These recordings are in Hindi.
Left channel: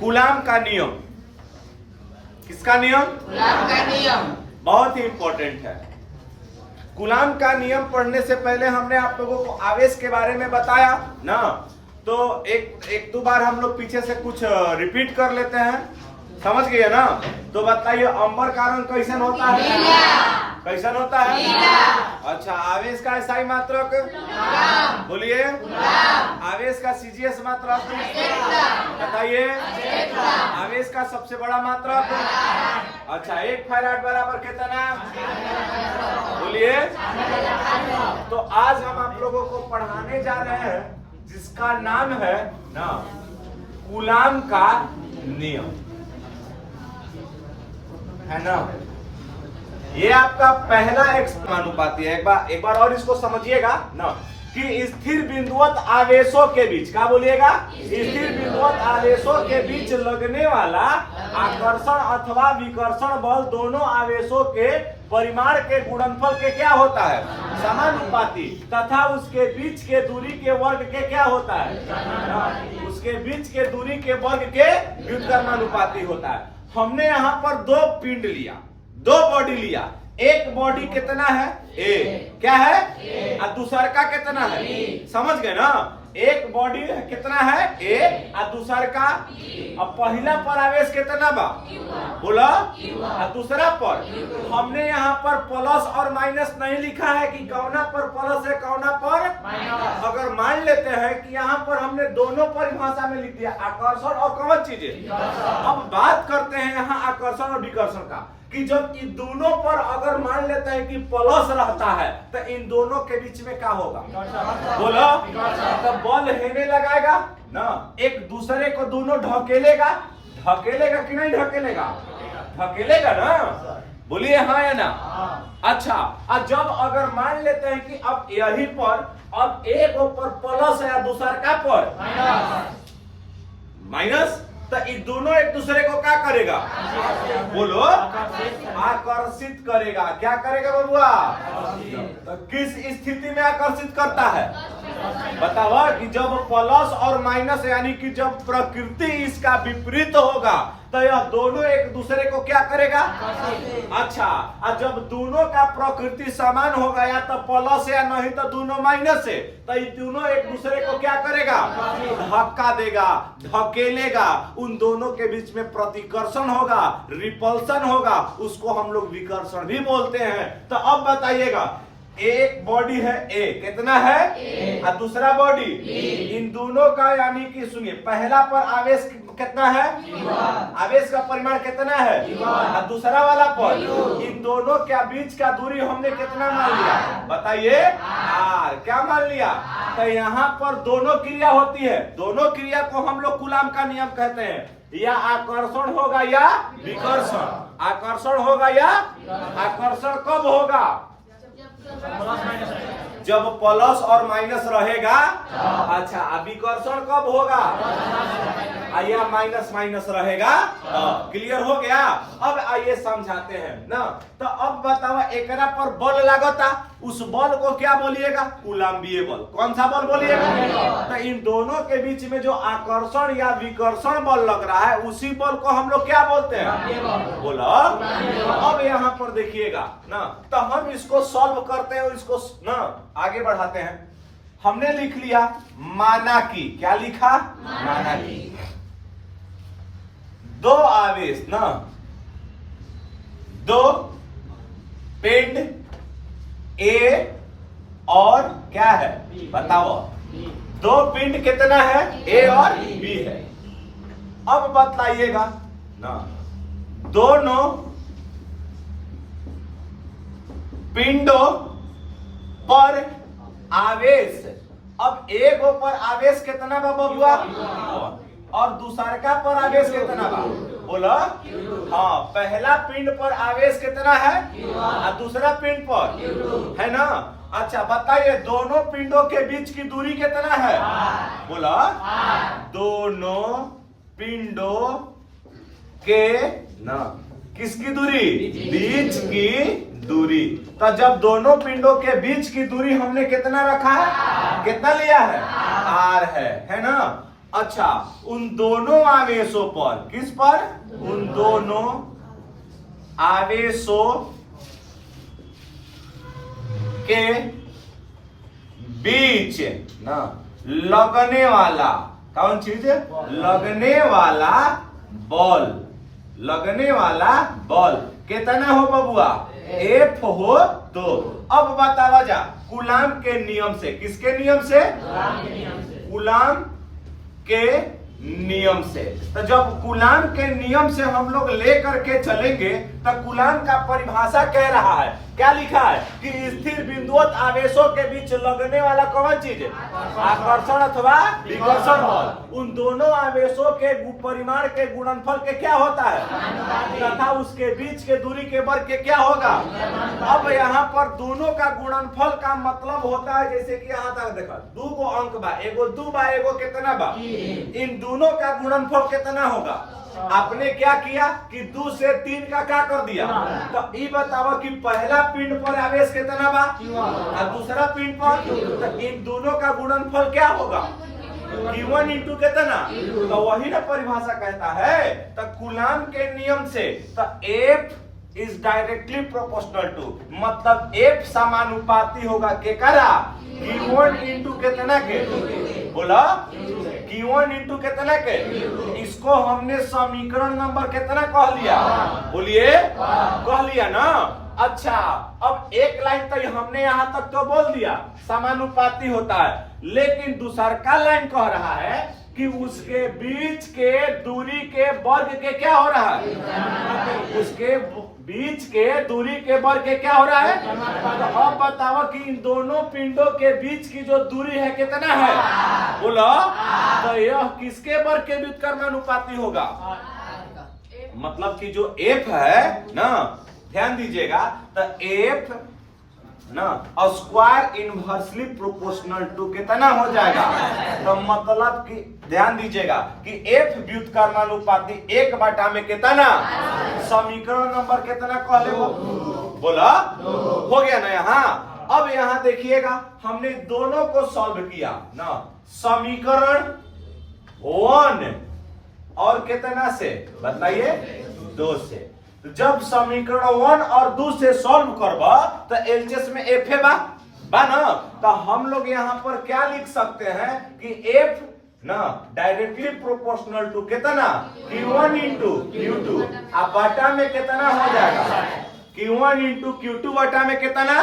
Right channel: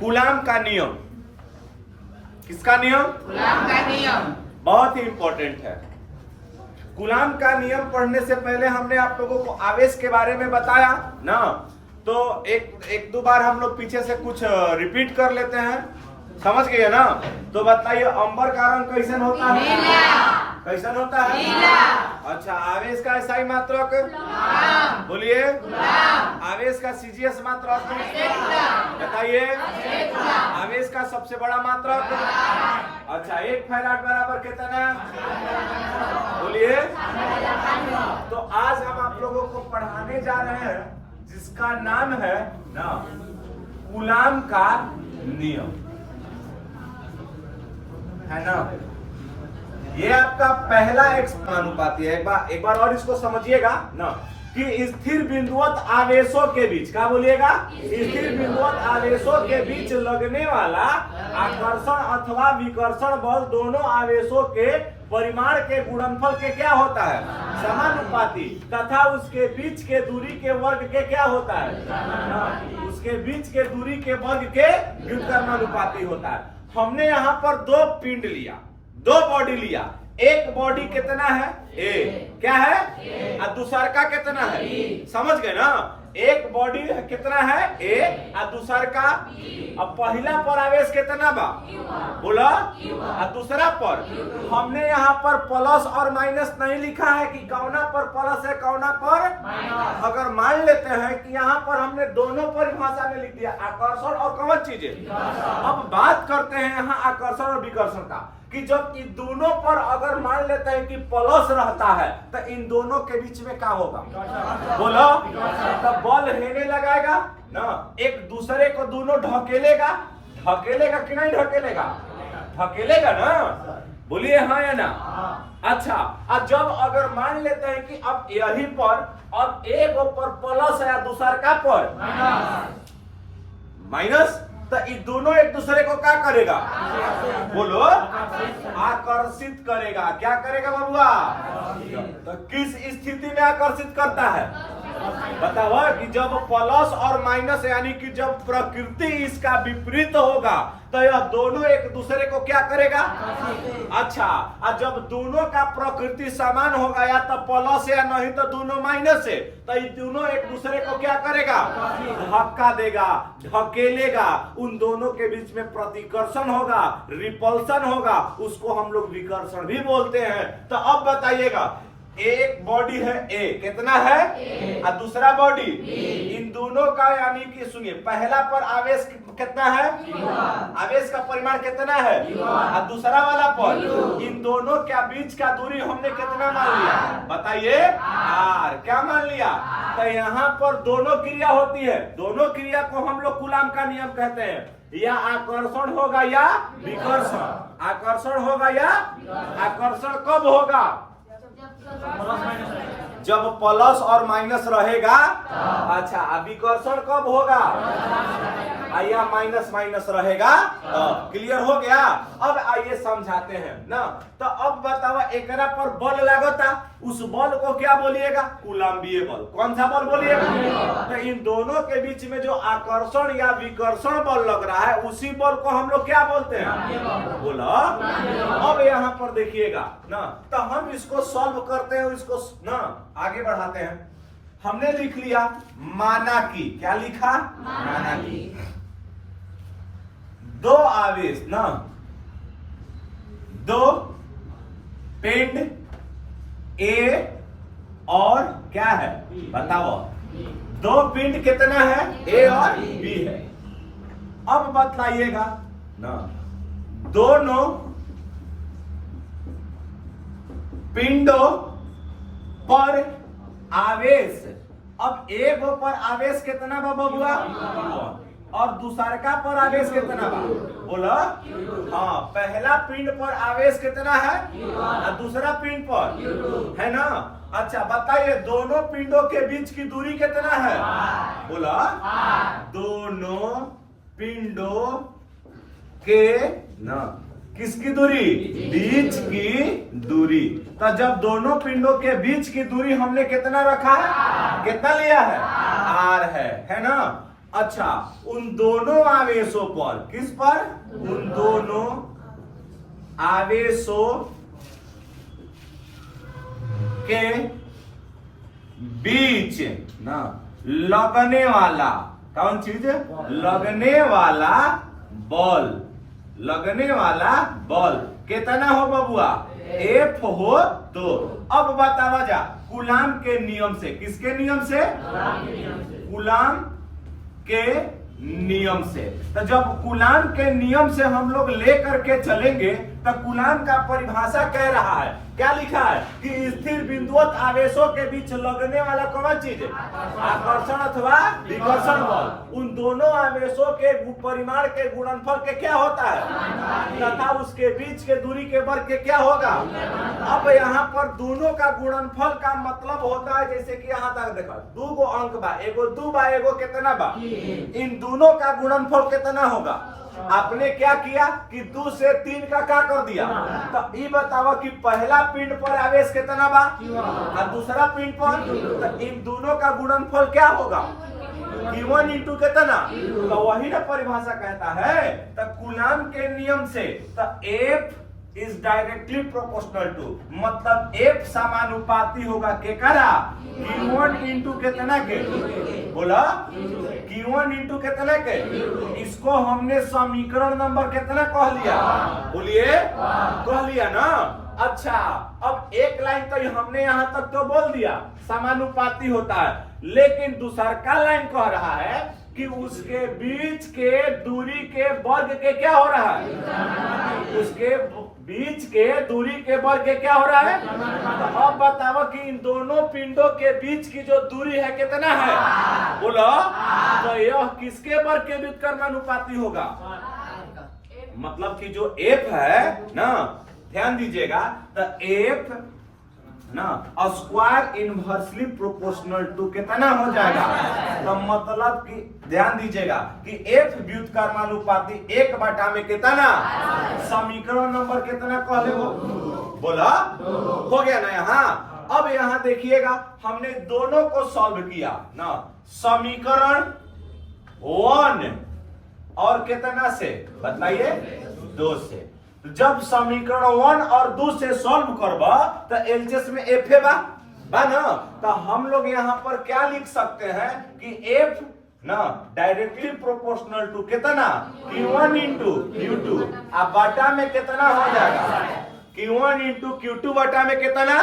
कूलाम का नियम। किसका नियम? कूलाम का नियम। बहुत ही इंपॉर्टेंट है। कूलाम का नियम पढ़ने से पहले हमने आप लोगों को आवेश के बारे में बताया ना, तो एक दो बार हम लोग पीछे से कुछ रिपीट कर लेते हैं। समझ गए ना? तो बताइए, अंबर का रंग कैसन होता है? कैसन होता है? अच्छा, आवेश का SI मात्रक बोलिए। आवेश का CGS मात्रक बताइए। आवेश का सबसे बड़ा मात्रक। अच्छा, 1 फैराड बराबर कितना बोलिए। तो आज हम आप लोगों को पढ़ाने जा रहे हैं जिसका नाम है ना कूलाम का नियम, है ना। ये आपका पहला समानुपाती है। एक बार और इसको समझिएगा ना कि स्थिर बिंदुवत आवेशों के बीच, क्या बोलिएगा? स्थिर बिंदुवत आवेशों के बीच लगने वाला आकर्षण अथवा विकर्षण बल दोनों आवेशों के परिमाण के गुणनफल के क्या होता है? समानुपाती, तथा उसके बीच के दूरी के वर्ग के क्या होता है? उसके बीच के दूरी के वर्ग के व्युत्क्रमानुपाती होता है। हमने यहाँ पर दो पिंड लिया, दो बॉडी लिया। एक बॉडी कितना है? A, क्या है? और दूसर का कितना है? समझ गए ना? एक बॉडी कितना है? A, और दूसर का। अब पहला पर आवेश कितना बा? बोला। और दूसरा पर हमने यहाँ पर प्लस और माइनस नहीं लिखा है कि कौना पर प्लस है कौना पर। अगर मान लेते हैं कि यहाँ पर हमने दोनों परिभाषा में लिख दिया, आकर्षण और कौन चीजें। अब बात करते हैं यहाँ आकर्षण और विकर्षण का, कि जब इन दोनों पर अगर मान लेते हैं कि प्लस रहता है तो इन दोनों के बीच में क्या होगा? बोलो। तो बल हेने लगाएगा ना, एक दूसरे को दोनों ढकेलेगा। ढकेलेगा कि नहीं ढकेलेगा? ढकेलेगा ना, बोलिए हाँ या ना। अच्छा, अब जब अगर मान लेते हैं कि अब यही पर अब एक ऊपर प्लस है, दूसर का पर माइनस, तो ये दोनों एक दूसरे को क्या करेगा? बोलो। आकर्षित करेगा। क्या करेगा बबुआ? तो किस स्थिति में आकर्षित करता है बताओ? कि जब प्लस और माइनस यानी कि जब प्रकृति इसका विपरीत होगा तो यह दोनों एक दूसरे को क्या करेगा? अच्छा, और जब दोनों का प्रकृति समान होगा, या तो प्लस या नहीं तो दोनों माइनस है, तो ये दोनों एक दूसरे को क्या करेगा? धक्का देगा, ढकेलेगा। उन दोनों के बीच में प्रतिकर्षण होगा, रिपल्सन होगा, उसको हम लोग विकर्षण भी बोलते हैं। तो अब बताइएगा, एक बॉडी है A, कितना है? और दूसरा बॉडी, इन दोनों का यानी कि सुनिए, पहला पर आवेश कितना है? आवेश का परिमाण कितना है? और दूसरा वाला पर, इन दोनों के बीच का दूरी हमने कितना मान लिया? बताइए। R, क्या मान लिया? तो यहाँ पर दोनों क्रिया होती है। दोनों क्रिया को हम लोग कूलाम का नियम कहते हैं। या आकर्षण होगा या विकर्षण। आकर्षण होगा या आकर्षण कब होगा? जब प्लस और माइनस रहेगा। अच्छा, विकर्षण कब होगा? या माइनस माइनस रहेगा। क्लियर हो गया? अब आइए समझाते हैं ना। तो अब बताओ, एकरा पर बल लागता, उस बल को क्या बोलिएगा? कूलाम्बीय बल। कौन सा बल बोलिएगा? तो इन दोनों के बीच में जो आकर्षण या विकर्षण बल लग रहा है, उसी बल को हम लोग क्या बोलते हैं? बोलो। अब यहाँ पर देखिएगा ना, तो हम इसको सॉल्व करते हैं, इसको ना आगे बढ़ाते हैं। हमने लिख लिया माना कि, क्या लिखा? माना कि दो आवेश ना, दो पिंड A और क्या है बताओ? दो पिंड कितना है? A और B है। अब बतलाइएगा ना, दोनों पिंडों पर आवेश, अब एक पर आवेश कितना बा बबुआ? और दूसरा पर आवेश कितना बा? बोला। हाँ, पहला पिंड पर आवेश कितना है और दूसरा पिंड पर है ना। अच्छा बताइए, दोनों पिंडों के बीच की दूरी कितना है? बोला। दोनों पिंडों के ना किसकी दूरी? बीच की दूरी। तो जब दोनों पिंडों के बीच की दूरी हमने कितना रखा है? कितना लिया है? R है ना। अच्छा, उन दोनों आवेशों पर, किस पर? उन दोनों आवेशों के बीच ना लगने वाला, कौन चीज? लगने वाला बल, लगने वाला बल कितना हो बबुआ? F हो तो। अब बतावा जा कूलाम के नियम से, किसके नियम से? कूलाम के नियम से। तो जब कूलाम के नियम से हम लोग लेकर के चलेंगे तो कूलाम का परिभाषा कह रहा है, क्या लिखा है कि स्थिर बिंदुवत आवेशों के बीच लगने वाला कौन चीज है? आकर्षण अथवा विकर्षण बल। उन दोनों आवेशों के परिमाण के गुणनफल के क्या होता है तथा उसके बीच के दूरी के वर्ग के क्या होगा? अब यहाँ पर दोनों का गुणनफल का मतलब होता है, जैसे कि यहाँ तक देखो 2 गो अंक बा, एगो 2 बा, एगो कितना बा? इन दोनों का गुणनफल कितना होगा? आपने क्या किया कि 2 से 3 का क्या कर दिया? तो ये बताओ कि पहला पिंड पर आवेश कितना बा और दूसरा पिंड पर, तो इन दोनों का गुणनफल क्या होगा? Q1 इंटू कितना? तो वही ना परिभाषा कहता है। तो कूलाम के नियम से तो F is directly proportional to, मतलब F समानुपाती होगा केकरा? Q1 इंटू कितना के? बोला Q1 इंटू कितना के? इसको हमने समीकरण नंबर कितना कह लिया? बोलिए, कह लिया ना। अच्छा, अब एक लाइन तो हमने यहाँ तक तो बोल दिया समानुपाती होता है, लेकिन दूसरा का लाइन कह रहा है कि उसके बीच के दूरी के वर्ग के क्या हो रहा है? उसके बीच के दूरी के वर्ग के क्या हो रहा है? तो अब बताओ कि इन दोनों पिंडों के बीच की जो दूरी है कितना है? बोलो, तो यह किसके वर्ग के व्युत्क्रमानुपाती होगा? मतलब कि जो F है ना, ध्यान दीजिएगा, तो F ना स्क्वायर इनवर्सली प्रोपोर्शनल टू कितना हो जाएगा? तो मतलब कि ध्यान दीजिएगा कि F व्युत्क्रमानुपाती 1 बटा में कितना? समीकरण नंबर कितना कह ले? बोला, हो गया ना यहाँ। अब यहाँ देखिएगा हमने दोनों को सॉल्व किया ना, समीकरण 1 और कितना से बताइए? 2 से। जब समीकरण 1 और 2 से सॉल्व करबा तो एलसीएस में F है बा ना, तो हम लोग यहाँ पर क्या लिख सकते हैं कि F ना डायरेक्टली प्रोपोर्शनल टू कितना? Q1 इंटू Q2 अब बटा में कितना हो जाएगा? Q1 इंटू Q2 बटा में कितना?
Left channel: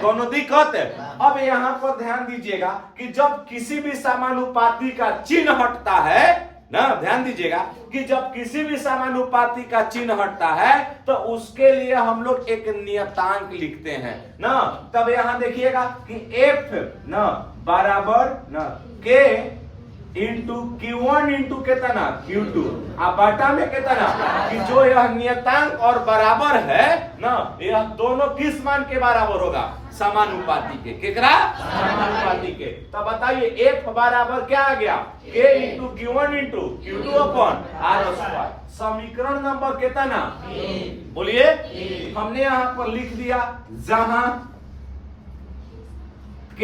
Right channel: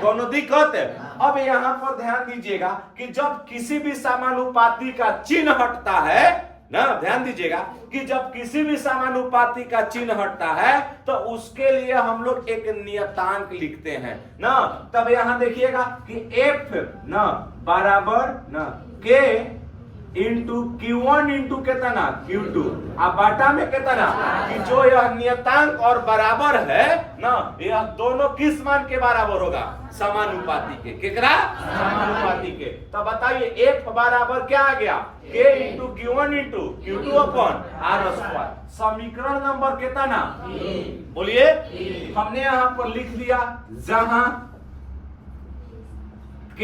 दोनों दिक्कत है। अब यहाँ पर ध्यान दीजिएगा कि जब किसी भी समानुपाती का चिन्ह हटता है ना, ध्यान दीजिएगा कि जब किसी भी समानुपाती का चिन्ह हटता है तो उसके लिए हम लोग एक नियतांक लिखते हैं ना। तब यहां देखिएगा कि F ना बराबर ना K इंटू Q1 इंटू कितना? Q2 अब बाटा में कितना? कि जो यह नियतांक और बराबर है ना, यह दोनों किस मान के बराबर होगा? समानुपाती के। किकरा? समानुपाती के। तो बताइए F बराबर क्या आ गया? K into Q1 into Q2 upon R square. समीकरण नंबर कितना? बोलिए, हमने यहां पर लिख दिया जहां K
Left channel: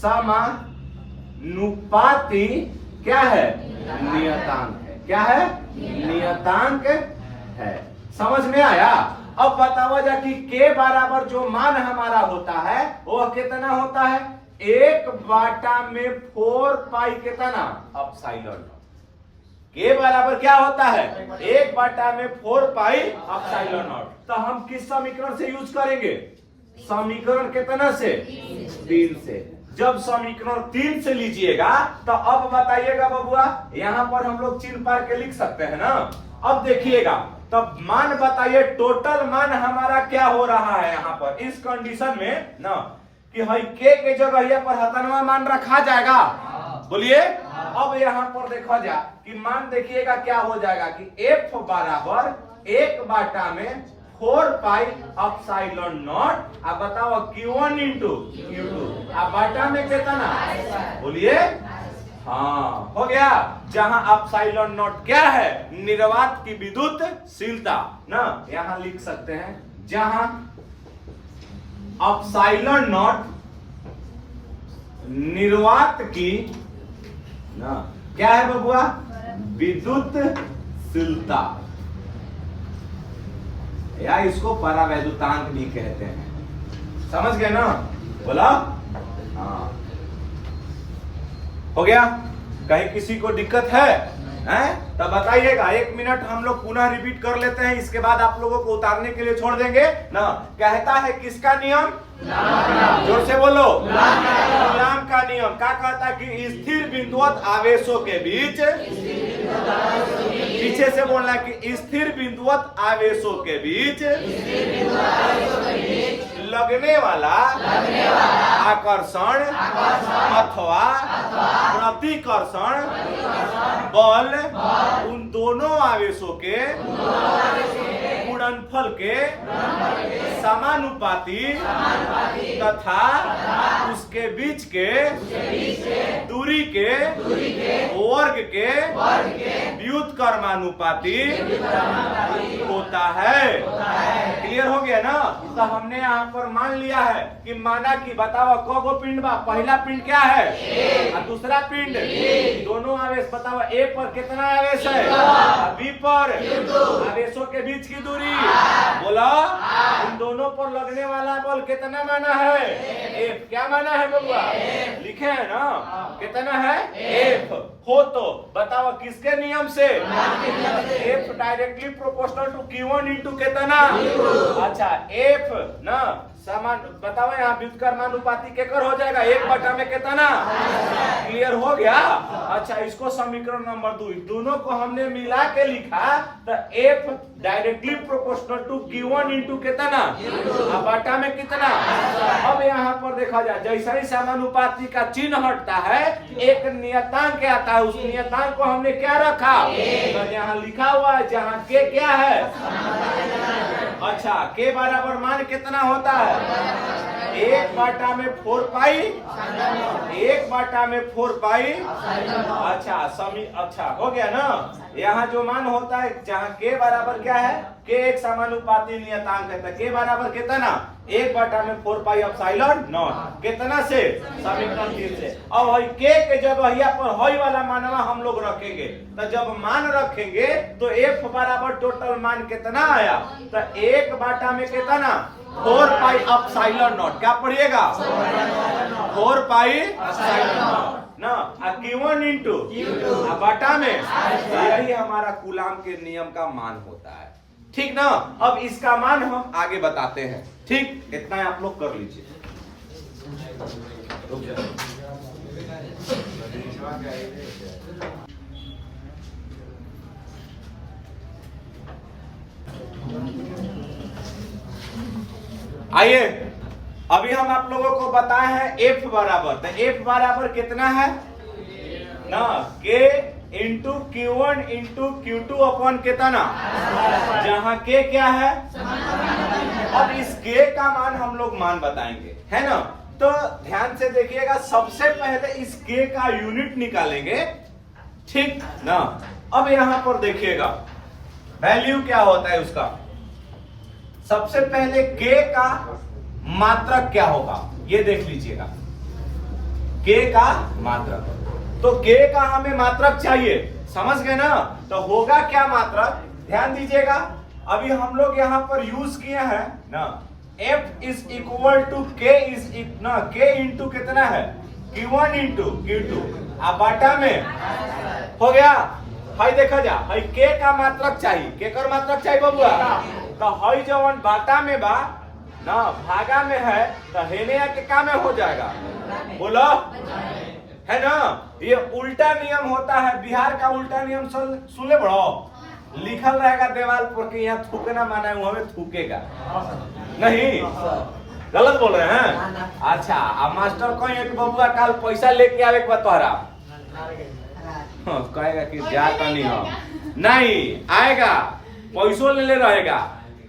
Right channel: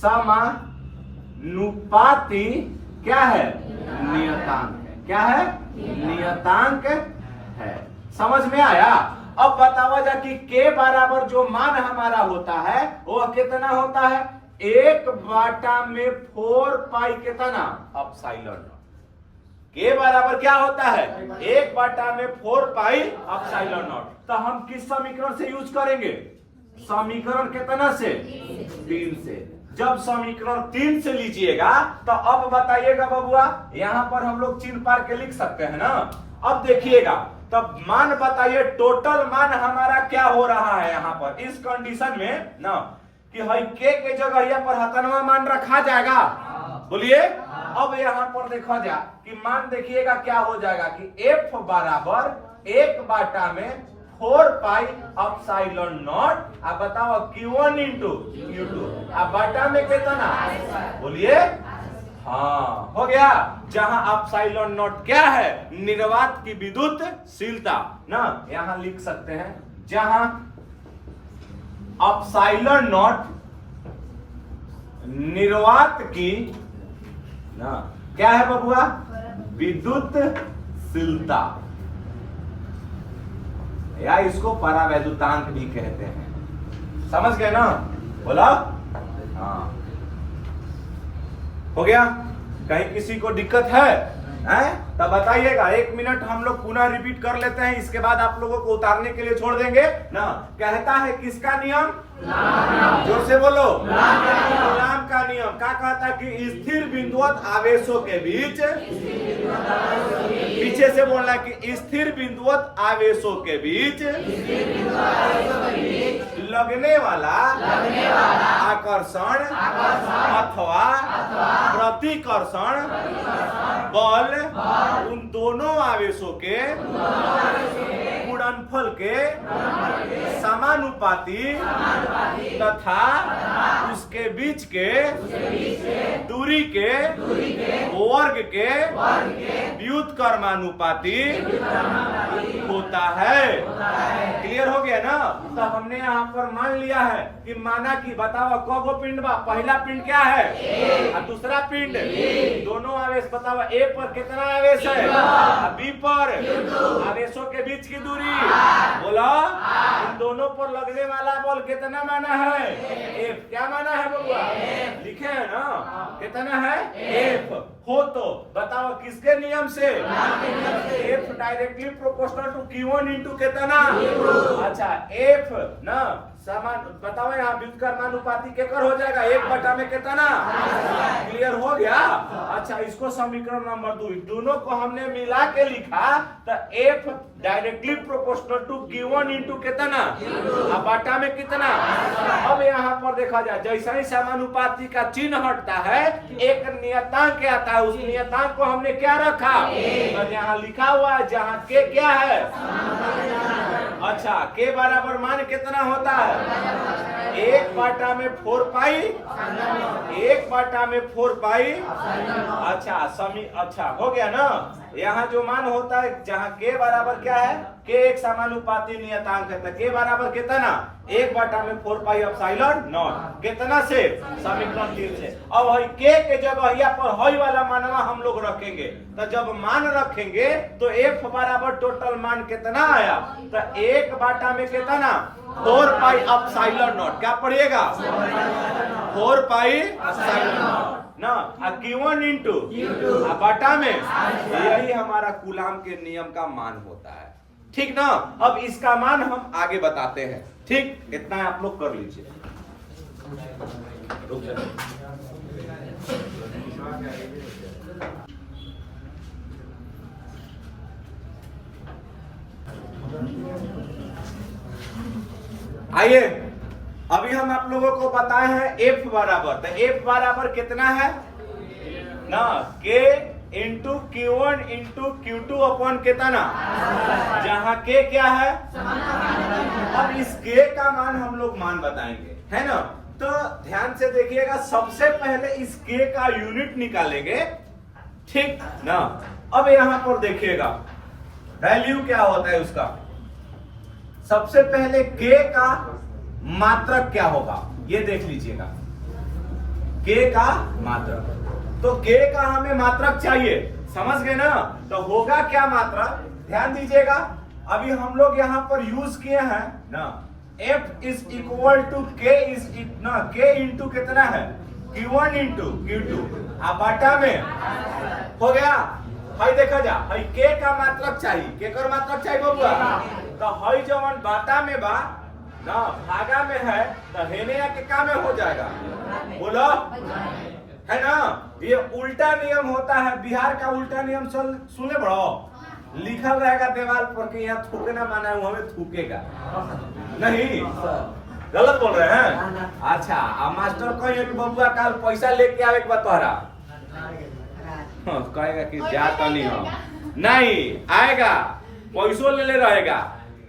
समानुपाती क्या है? नियतांक है। क्या है? नियतांक है। समझ में आया? अब बतावा जा कि K बराबर जो मान हमारा होता है वो कितना होता है? 1 बटा में 4 पाई कितना? अपसाइलन। K बराबर क्या होता है? 1 बटा में 4 पाई अपसाइलन नॉट। तो हम किस समीकरण से यूज करेंगे? समीकरण कितना से? 3 से। जब समीकरण 3 से लीजिएगा तो अब बताइएगा बबुआ, यहां पर हम लोग चिन्ह पार के लिख सकते हैं ना। अब देखिएगा तब मान बताइए, टोटल मान हमारा क्या हो रहा है यहाँ पर इस कंडीशन में ना, कि हई K के जगह पर हतनवा मान रखा जाएगा। बोलिए, अब यहाँ पर देखा जा कि मान देखिएगा क्या हो जाएगा कि F बराबर 1 बटा में 4 पाई अपसाइलन नॉट। अब बताओ Q1 इंटू Q2 अब बटा में कितना? बोलिए, हाँ हो गया। जहां अपसाइलन नॉट क्या है? निर्वात की विद्युतशीलता ना, यहां लिख सकते हैं जहां अपसाइलन नॉट निर्वात की ना क्या है बबुआ? विद्युतशीलता, या इसको परावैद्युतांक भी कहते हैं। समझ गए ना? बोला? हाँ, हो गया? कहीं किसी को दिक्कत है? तब बताइएगा। 1 मिनट हम लोग पुनः रिपीट कर लेते हैं, इसके बाद आप लोगों को उतारने के लिए छोड़ देंगे ना। कहता है किसका नियम? जोर से बोलो। कूलाम का नियम। क्या कहता है? कि स्थिर बिंदुवत आवेशों के बीच, पीछे से बोलना है कि स्थिर बिंदुवत आवेशों के बीच लगने वाला आकर्षण अथवा प्रतिकर्षण बल उन दोनों आवेशों के गुणनफल के समानुपाती तथा उसके बीच के दूरी के वर्ग के व्युत्क्रमानुपाती होता है। क्लियर हो गया ना? तो हमने यहाँ पर मान लिया है कि माना कि बताओ कगो पिंड बा? पहला पिंड क्या है और दूसरा पिंड? दोनों आवेश बताओ। ए पर कितना आवेश है और बी पर? आवेशों के बीच की दूरी बोला। इन दोनों पर लगने वाला बल कितना माना है? एफ। क्या माना है बबुआ? लिखे है ना? कितना है? एफ। हो तो बताओ किसके नियम से? F directly proportional to Q1 into कितना? अच्छा, एफ ना समान बताओ यहाँ व्युत्क्रमानुपाती केकर हो जाएगा? 1 में कितना? क्लियर हो गया? अच्छा, इसको समीकरण नंबर 2 दोनों को हमने मिला के लिखा तो F directly proportional to Q1 into कितना? अब बटा में कितना? अब यहाँ पर देखा जाए, जैसा ही समानुपाती का चिन्ह हटता है एक नियतांक आता है, उस नियतांक को हमने क्या रखा? तो यहाँ लिखा हुआ है जहाँ के क्या है? अच्छा, के बराबर मान कितना होता है? 1 में 4 पाई। 1 में 4 पाई। अच्छा हो गया ना? यहाँ जो मान होता है जहाँ के बराबर क्या है? के एक समानुपाती नियतांक है, तो के बराबर कितना? 1 में 4 पाई एप्सिलॉन नॉट। कितना से? समीकरण 3 से। अब हई के जगह यहाँ पर हई वाला मानवा हम लोग रखेंगे, तो जब मान रखेंगे तो एफ बराबर टोटल मान कितना आया? तो 1 में कितना? 4 पाई एप्सिलॉन नॉट। क्या पढ़िएगा? 4 पाई एप्सिलॉन नॉट ना Q1 इंटू बटा में। यही हमारा कूलाम के नियम का मान होता है। ठीक ना? अब इसका मान हम आगे बताते हैं। ठीक, इतना आप लोग कर लीजिए। आइए, अभी हम आप लोगों को बताए हैं एफ बराबर। तो एफ बराबर कितना है ना? के into Q1 into Q2 upon कितना? जहां के क्या है? अब इस के का मान हम लोग मान बताएंगे, है ना? तो ध्यान से देखिएगा, सबसे पहले इस के का यूनिट निकालेंगे। ठीक ना? अब यहां पर देखिएगा वैल्यू क्या होता है उसका। सबसे पहले के का मात्रक क्या होगा ये देख लीजिएगा। के का मात्रक, तो के का हमें मात्रक चाहिए। समझ गए ना? तो होगा क्या मात्रक? ध्यान दीजिएगा, अभी हम लोग यहाँ पर यूज किए हैं ना F इज इक्वल टू के इज ना के इंटू कितना है? Q1 इंटू Q2 अब बाटा में हो गया। हई देखा जा, हई के का मात्रक चाहिए। के कर मात्रक चाहिए बबुआ? तो हई जवन बाटा में बा ना भागा में है, तो हेने के का में हो जाएगा? बोलो, है ना? ये उल्टा नियम होता है। बिहार का उल्टा नियम सुने बड़ो, लिखल रहेगा दीवार पर कि यहाँ थूकना माना है, हमें थूकेगा नहीं। गलत बोल रहे हैं? अच्छा, अब मास्टर कहे कि बबुआ कल पैसा लेके आवे के बाद तोहरा कहेगा कि जाता नहीं हो, नहीं आएगा, पैसों ले रहेगा,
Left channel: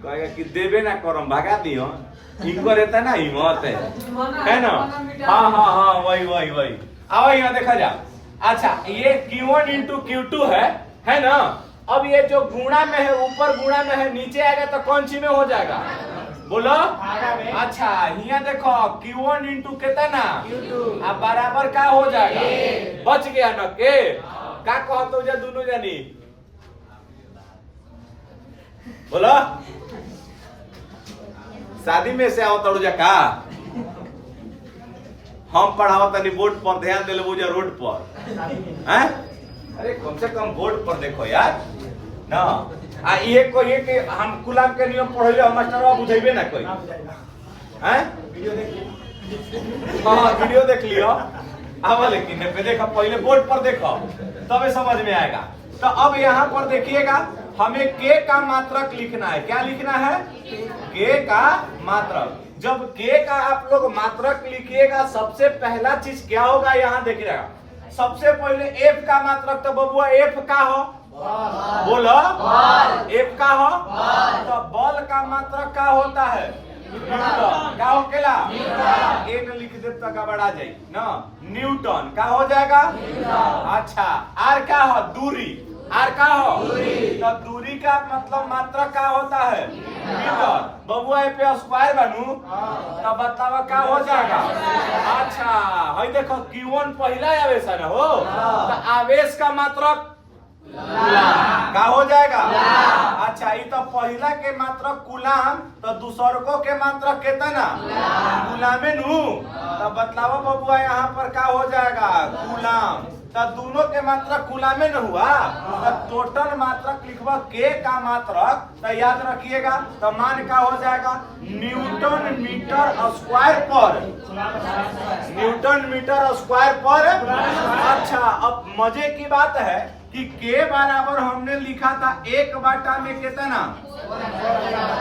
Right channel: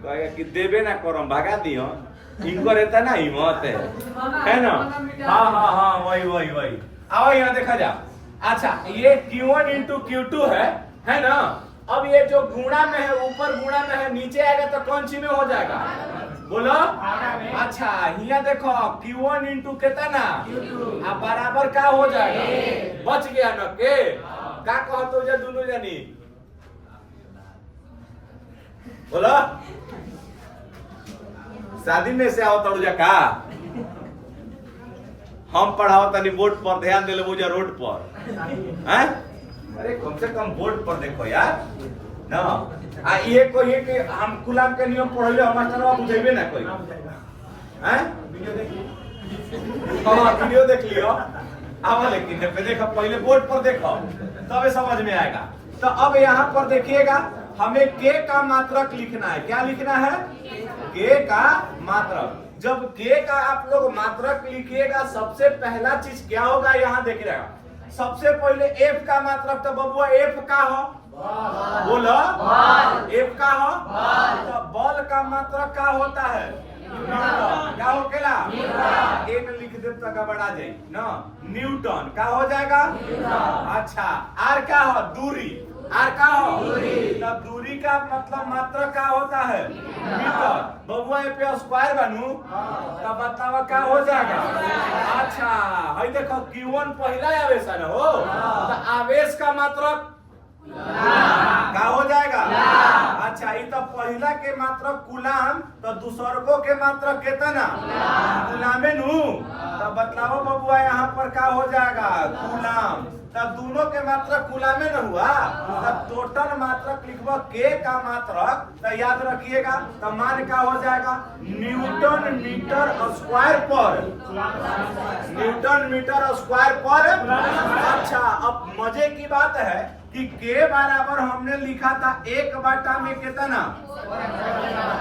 कहेगा कि देवे ना करम, भगा दियो। इनको रहता ना हिम्मत है ना? हाँ वही आओ यहाँ देखा जा। अच्छा, ये Q1 इंटू Q2 है ना? अब ये जो गुणा में है, ऊपर गुणा में है, नीचे आएगा तो कौन सी में हो जाएगा? बोलो। अच्छा यहाँ देखो Q1 इंटू कितना अब बराबर का हो जाएगा, बच गया न के का कहते जा दोनों जानी बोलो। शादी में से आओ तड़ुजा का हम पढ़ाओ तनी बोर्ड पर ध्यान दे ले रोड पर हैं? अरे कम से कम बोर्ड पर देखो यार ना। आ ये कोई कि हम गुलाम के नियम पढ़ले हम मास्टरवा बुझेबे ना कोई हैं? हां वीडियो देख लियो अब, लेकिन पे देखो पहले बोर्ड पर देखो तबे समझ में आएगा। तो अब यहाँ पर देखिएगा हमें के का मात्रक लिखना है। क्या लिखना है? के का मात्रक। जब के का आप लोग मात्रक लिखिएगा सबसे पहला चीज क्या होगा यहाँ देखिएगा। सबसे पहले एफ का मात्रक, तो बबुआ एफ का हो बोलो, एफ का हो। तो बल का मात्रक का होता है? न्यूटन। क्या हो केला? एट लिख दे तो गड़बड़ा जाए ना, न्यूटन का हो जाएगा। अच्छा आर का हो? दूरी। आर का हो? तो दूरी का मतलब मात्रक का होता है? मीटर। बबुआ पे स्क्वायर बनू तो बतावा का हो जाएगा। अच्छा हई देखो Q1 पहला आवेश है ना हो, तो आवेश का मात्रक का हो जाएगा। अच्छा ये तो पहला के मात्रक कुलाम, तो दूसरको के मात्रक कितना कुलामे नु, तो बतलाओ बबुआ यहाँ पर का हो जाएगा कुलाम। तो दोनों के मात्रक कुलामे न हुआ, तो टोटल मात्रक लिखवा के का मात्रक, तो याद रखिएगा तो मान का हो जाएगा न्यूटन मीटर स्क्वायर पर, न्यूटन मीटर स्क्वायर पर। अच्छा अब मजे की बात है कि के बराबर हमने लिखा था 1/, में कितना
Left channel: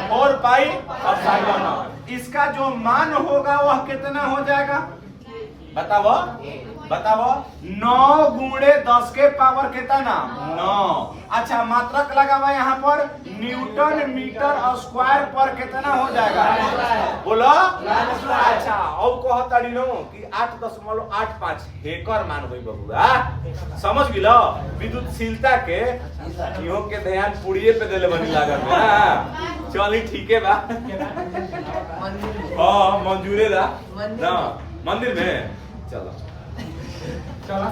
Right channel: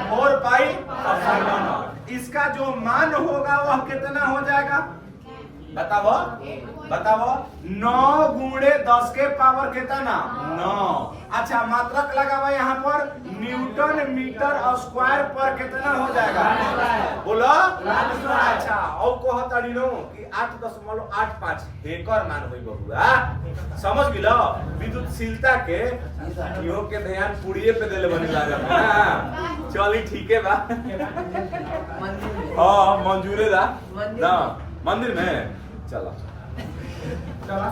4 पाई एप्सिलॉन। इसका जो मान होगा वह कितना हो जाएगा बताओ बताओ। 9 गुणे 10 के पावर कितना 9। अच्छा मात्रक लगा हुआ यहाँ पर न्यूटन मीटर स्क्वायर पर कितना हो जाएगा बोलो। अच्छा और कहतड़ी नो कि 8.85 हेकर मान होई बबुआ, समझ गिलो। विद्युतशीलता के इहो के ध्यान पुड़िए पे देले बनी लागत ना। चली ठीक है बा हां मंजूरे दा ना मंदिर में चलो चलो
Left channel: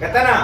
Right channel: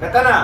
कितना